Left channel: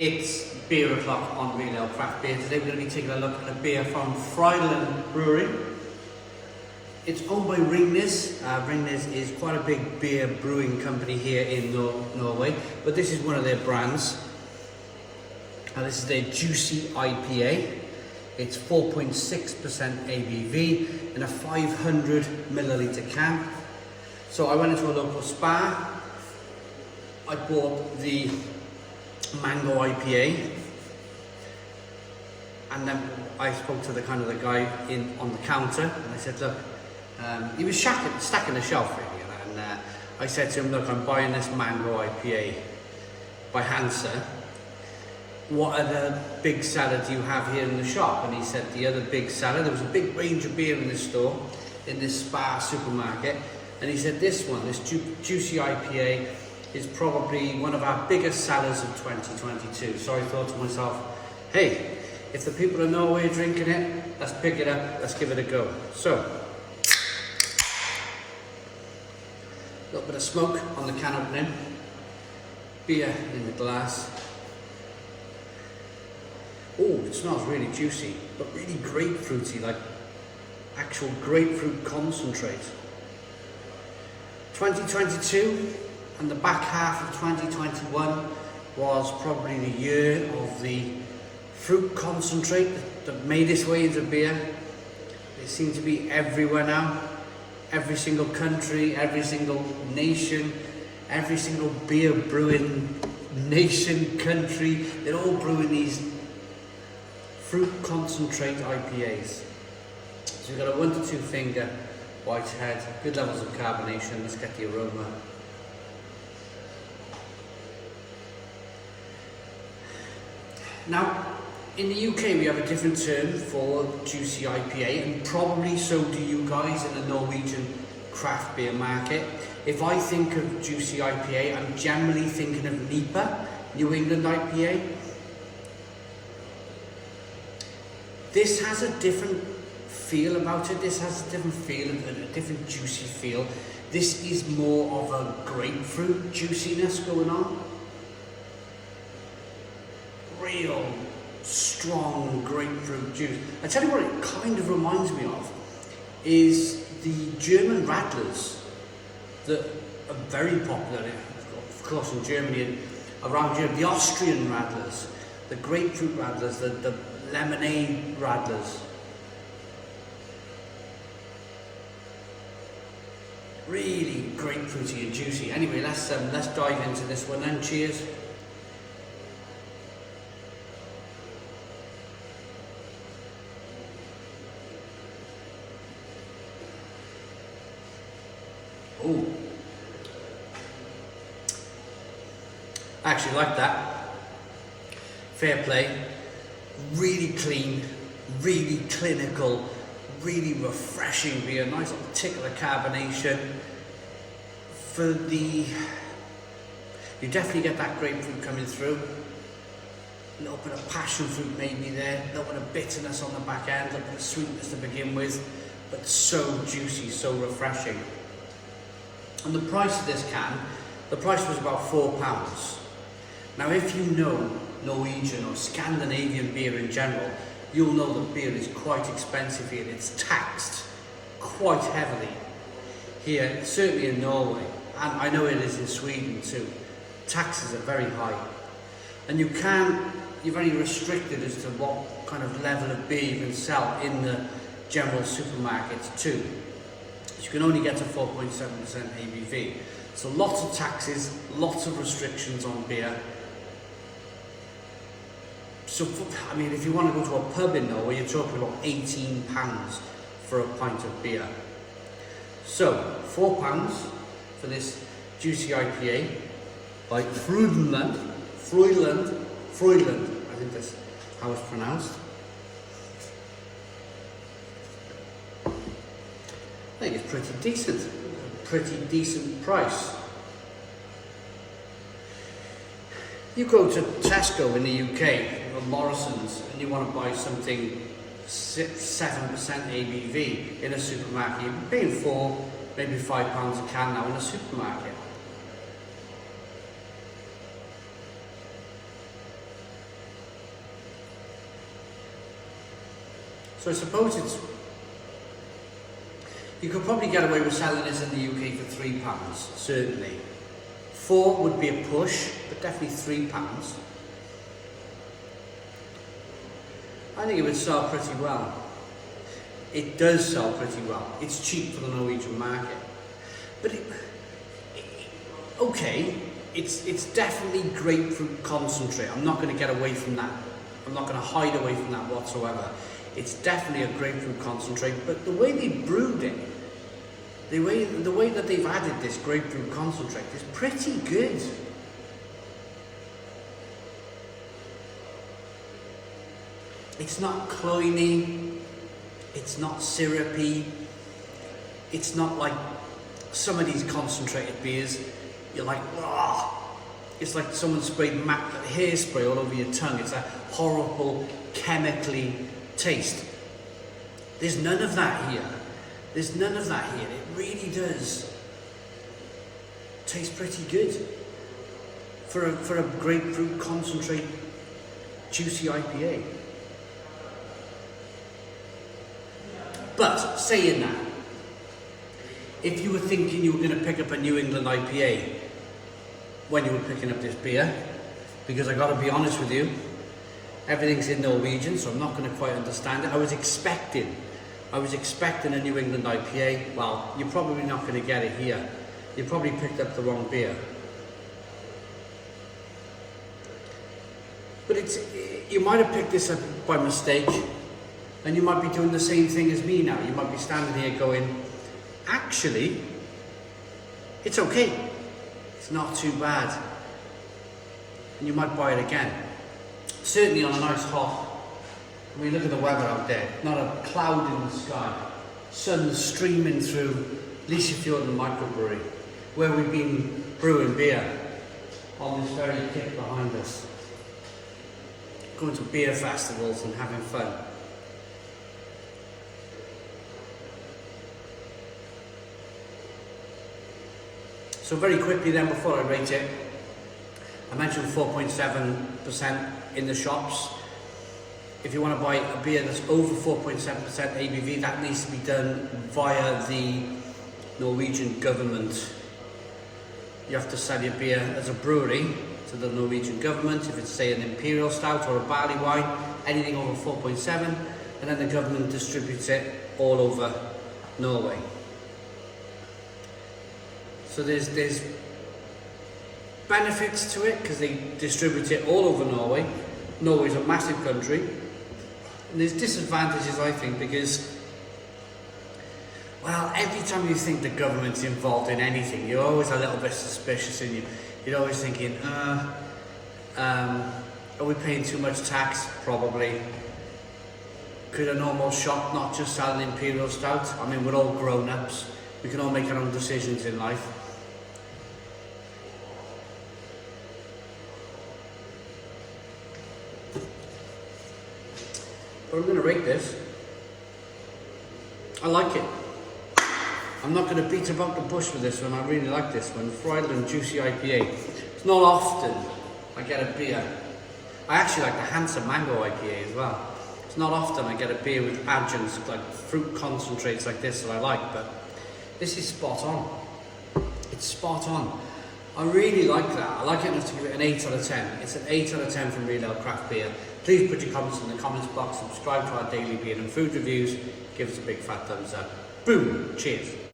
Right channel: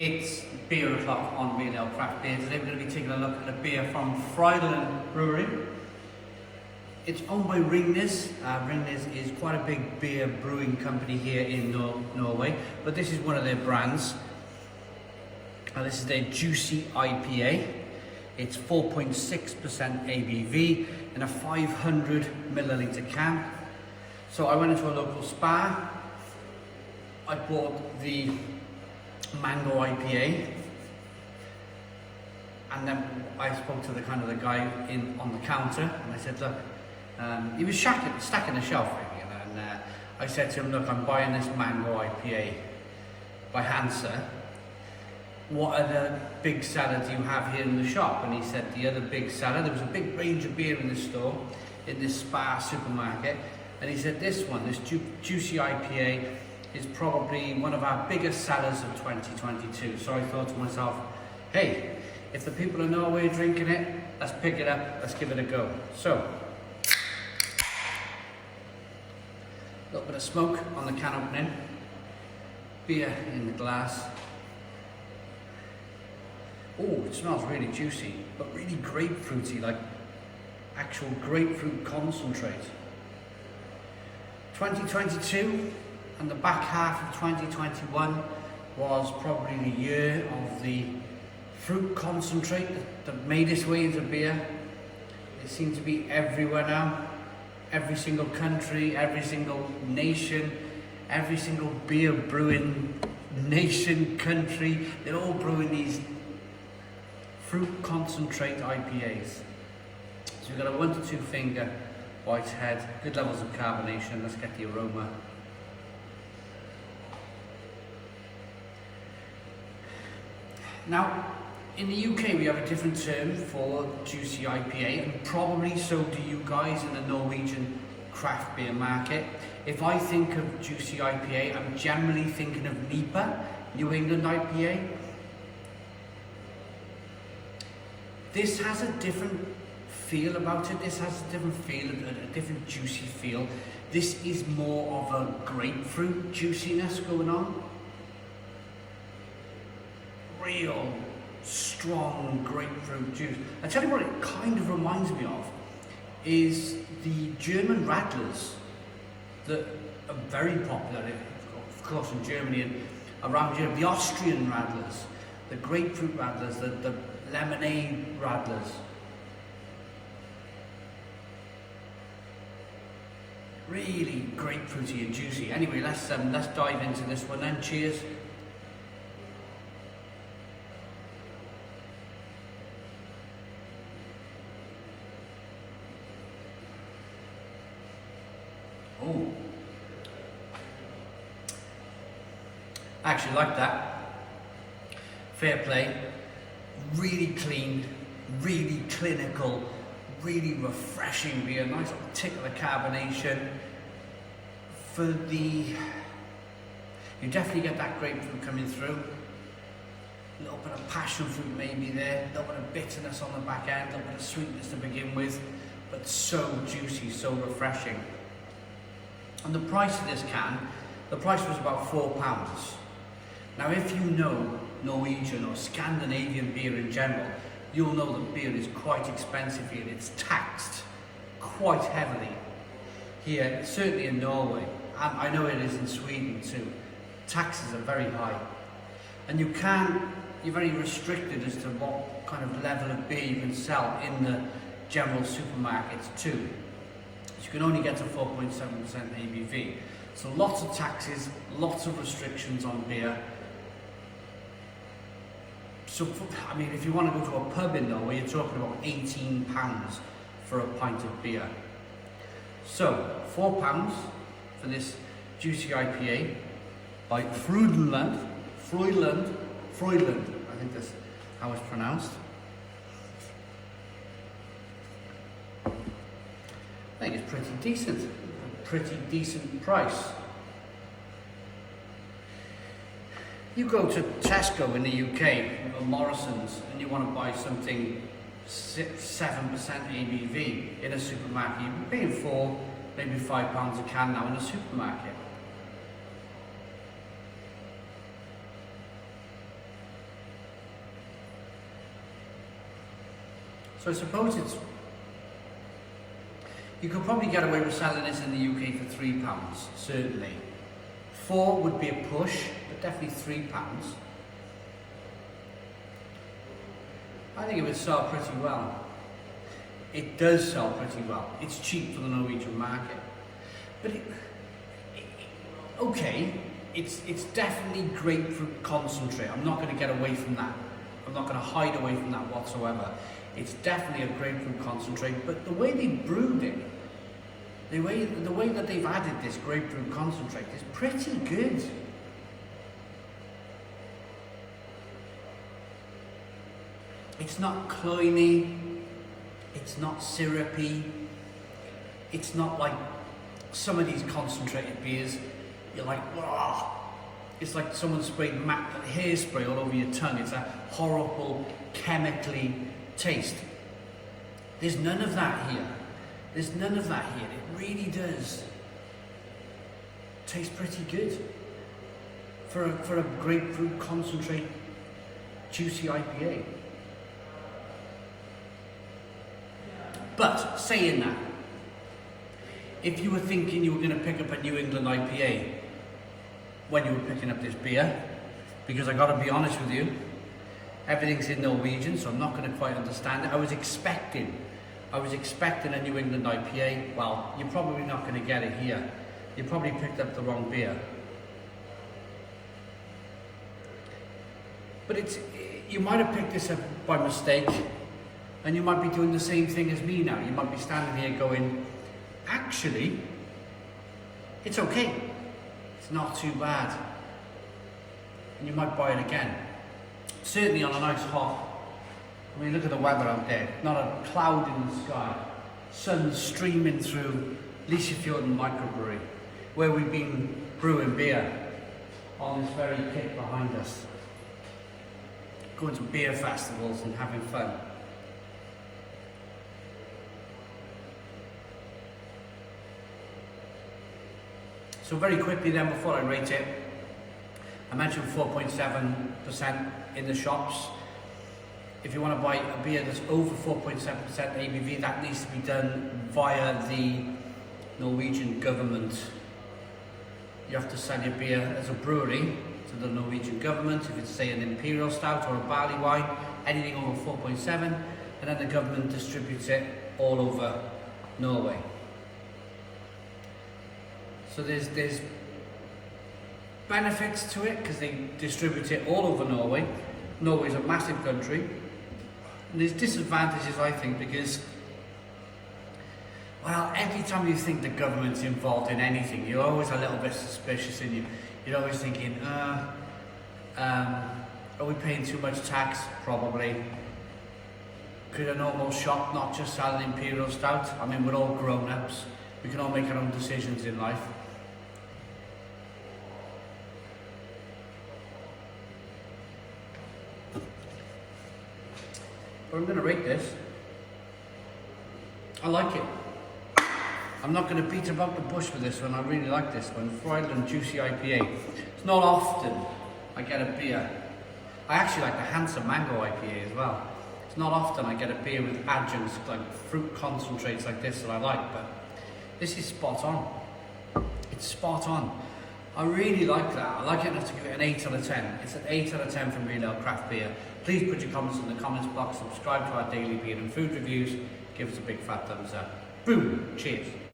It's beer o'clock on Real Ale Craft Beer. Today we're going to be taking a look at a beer from Frydenlund Bryggeri. It's owned by Ringnes. Ringnes is quite a big beer brewing company here in Norway, but this is one of their brands. And this is their Juicy IPA. It's 4.6% ABV in a 500 milliliter can. So I went into a local Spar. I bought the mango IPA, and then I spoke to the guy on the counter, and I said, look, he was stacking the shelf really, and I said to him, look, I'm buying this mango IPA by Hansa. What other big seller do you have here in the shop? And he said the other big seller, there was a big range of beer in this store, in this Spar supermarket, and he said this one, this Juicy IPA, is probably one of our biggest sellers of 2022. So I thought to myself, hey, if the people of Norway are drinking it, let's pick it up, let's give it a go. So, a little bit of smoke on the can opening, beer in the glass. Oh, it smells really juicy, but really grapefruity, like actual grapefruit concentrate. 2022, and the back half of 2021 was probably the year of the fruit concentrate that made its way into beer. It seems to be everywhere now. Every single country, every single nation, every single beer brewing nation, country, they're all brewing these fruit concentrate IPAs. So we've got a 1 to 2 finger white head, good levels of carbonation. Let's get the aroma. Now, in the UK we have a different term for Juicy IPA, and probably so do you guys in the Norwegian craft beer market. If I think of Juicy IPA, I'm generally thinking of NIPA, New England IPA. This has a different feel about it. This has a different feel, a different juicy feel. This is more of a grapefruit juiciness going on. Real strong grapefruit juice. I tell you what it kind of reminds me of is the German Radlers that are very popular, of course, in Germany and around Europe. The Austrian Radlers, the grapefruit Radlers, the lemonade Radlers. Really grapefruity and juicy. Anyway, let's dive into this one then. Cheers. Oh, I actually like that. Fair play. Really clean, really clinical, really refreshing beer. Nice little tick of the carbonation. You definitely get that grapefruit coming through. A little bit of passion fruit maybe there. A little bit of bitterness on the back end. A little bit of sweetness to begin with. But so juicy, so refreshing. And the price of this can, the price was about £4. Now if you know Norwegian or Scandinavian beer in general, you'll know that beer is quite expensive here. It's taxed quite heavily here, certainly in Norway, and I know it is in Sweden too. Taxes are very high, and you're very restricted as to what kind of level of beer you can sell in the general supermarkets too. You can only get to 4.7% ABV. So lots of taxes, lots of restrictions on beer. So, I mean, if you want to go to a pub in Norway, you're talking about £18 for a pint of beer. So, £4 for this Juicy IPA by Frydenlund, I think that's how it's pronounced. I think it's pretty decent price. You go to Tesco in the UK, or Morrison's, and you want to buy something 7% ABV in a supermarket, you're paying £4, maybe £5 a can now in a supermarket. So I suppose you could probably get away with selling this in the UK for £3, certainly. 4 would be a push, but definitely £3. I think it would sell pretty well. It does sell pretty well. It's cheap for the Norwegian market. But okay, it's definitely grapefruit concentrate. I'm not going to get away from that. I'm not going to hide away from that whatsoever. It's definitely a grapefruit concentrate, but the way they brewed it, the way that they've added this grapefruit concentrate is pretty good. It's not cloying, it's not syrupy, it's not like some of these concentrated beers, you're like, wow. It's like someone sprayed hairspray all over your tongue. It's a horrible, chemically taste. There's none of that here. There's none of that here. It really does taste pretty good for a grapefruit concentrate juicy IPA. But saying that, if you were thinking you were going to pick up a New England IPA when you were picking up this beer, because I got to be honest with you, everything's in Norwegian, so I'm not going to quite understand it. I was expecting a New England IPA. Well, you're probably not going to get it here. You probably picked up the wrong beer. But you might have picked this up by mistake, and you might be doing the same thing as me now. You might be standing here going, actually, it's okay. It's not too bad. And you might buy it again. Certainly on a nice hot, I mean, look at the weather out there. Not a cloud in the sky. Sun streaming through Frydenlund Bryggeri, where we've been brewing beer on this very kit behind us. Going to beer festivals and having fun. So very quickly then, before I rate it, I mentioned 4.7% in the shops. If you want to buy a beer that's over 4.7% ABV, that needs to be done via the Norwegian government. You have to sell your beer as a brewery to the Norwegian government, if it's say an imperial stout or a barley wine, anything over 4.7, and then the government distributes it all over Norway. So there's benefits to it because they distribute it all over Norway. Norway's a massive country. And there's disadvantages, I think, because, well, every time you think the government's involved in anything, you're always a little bit suspicious, and you're always thinking, are we paying too much tax? Probably. Could a normal shop not just sell an imperial stout? I mean, we're all grown-ups. We can all make our own decisions in life. But I'm going to rate this. I like it. I'm not going to beat about the bush with this one. I really like this one. Frydenlund Juicy IPA. It's not often I get a beer. I actually like the Handsome Mango IPA as well. It's not often I get a beer with adjuncts like fruit concentrates like this that I like, but this is spot on. It's spot on. I really like that. I like it enough to give it an 8 out of 10. It's an 8 out of 10 from Real Ale Craft Beer. Please put your comments in the comments box, subscribe to our daily beer and food reviews, give us a big fat thumbs up. Boom! Cheers!